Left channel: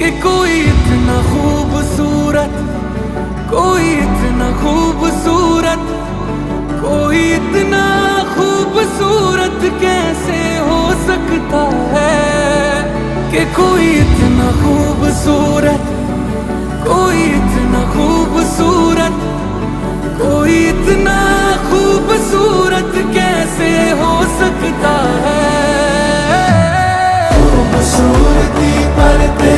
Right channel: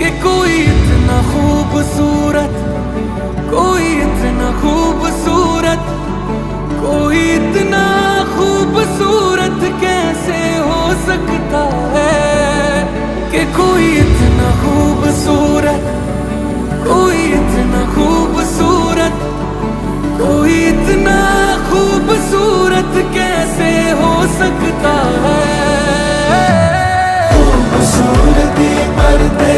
कि कोई इतना खूबसूरत, कोई इतना खूबसूरत, कोई इतना खूबसूरत कैसे हो सकता है। कि कोई इतना खूबसूरत, कोई इतना खूबसूरत, कोई इतना खूबसूरत कैसे हो सकता है। खूबसूरती पर्दे